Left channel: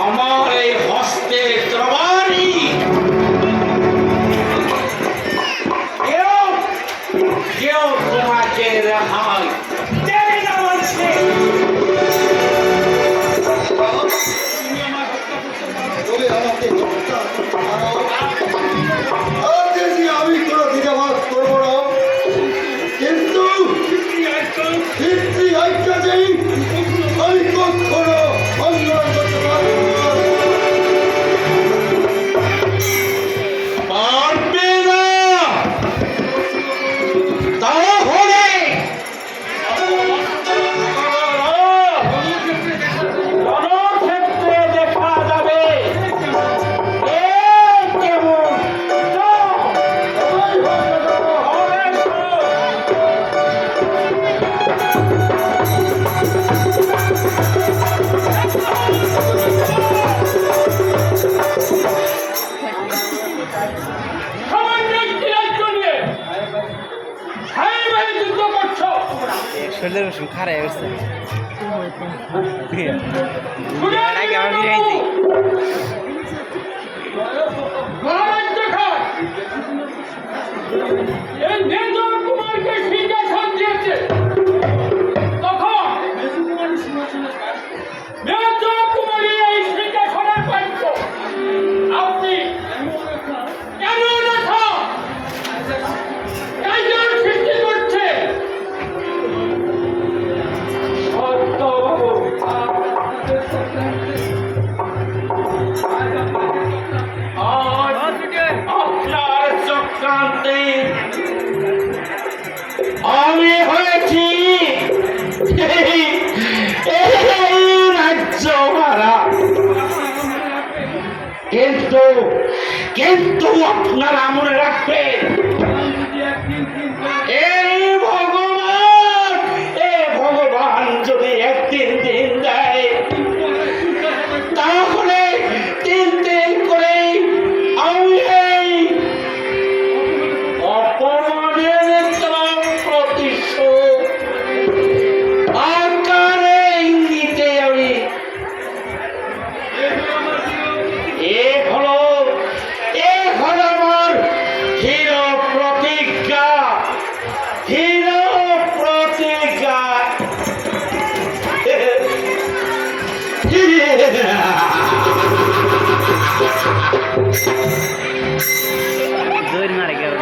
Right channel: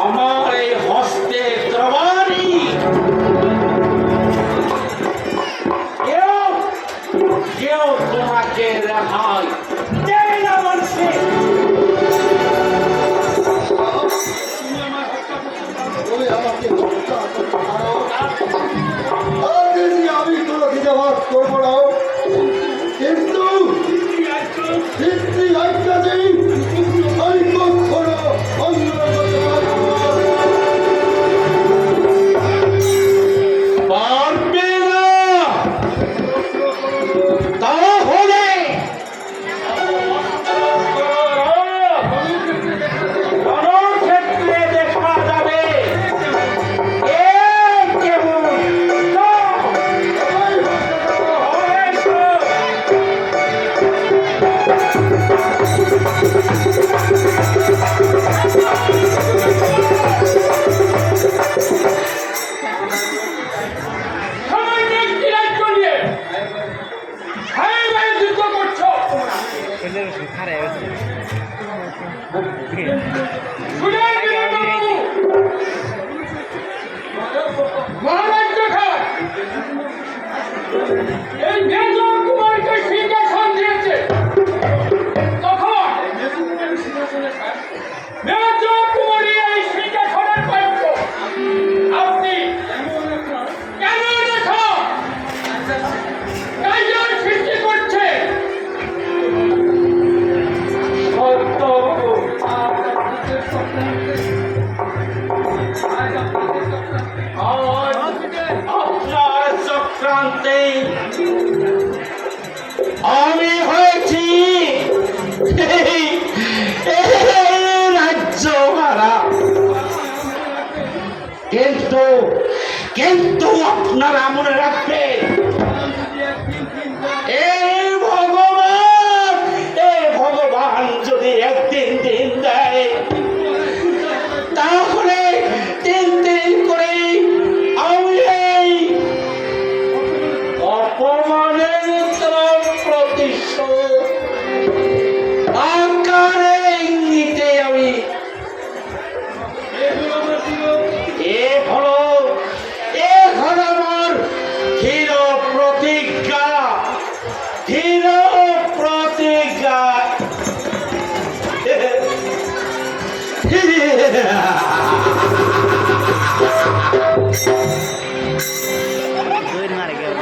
আমার এই হস্তে তরবারি কেউ তোমাকে রেহাই দেবে না বলছে। আমি কোনো দ্বিধাভাব করবো না, কিন্তু আমি কখনো অঙ্গন করতে পারবো না। পারবে না তাহলে রণক্ষেত্রে দেখা যাবে কে কেমন খারাপ হয়েছে আপনার চক্রান্তে আমি হয়েছি রাজ্য হারা, কিন্তু আপনারা মনে রাখবেন ভগবান যদি একদিন দিন দেয় তাহলে 3 দিন করে আমি এই অপমানের প্রতিশোধ আকারে ইঙ্গিতে আমি এ হলো আমার ধীর প্রতিজ্ঞা, ধীর প্রতিজ্ঞা। দৌড় মারে গেল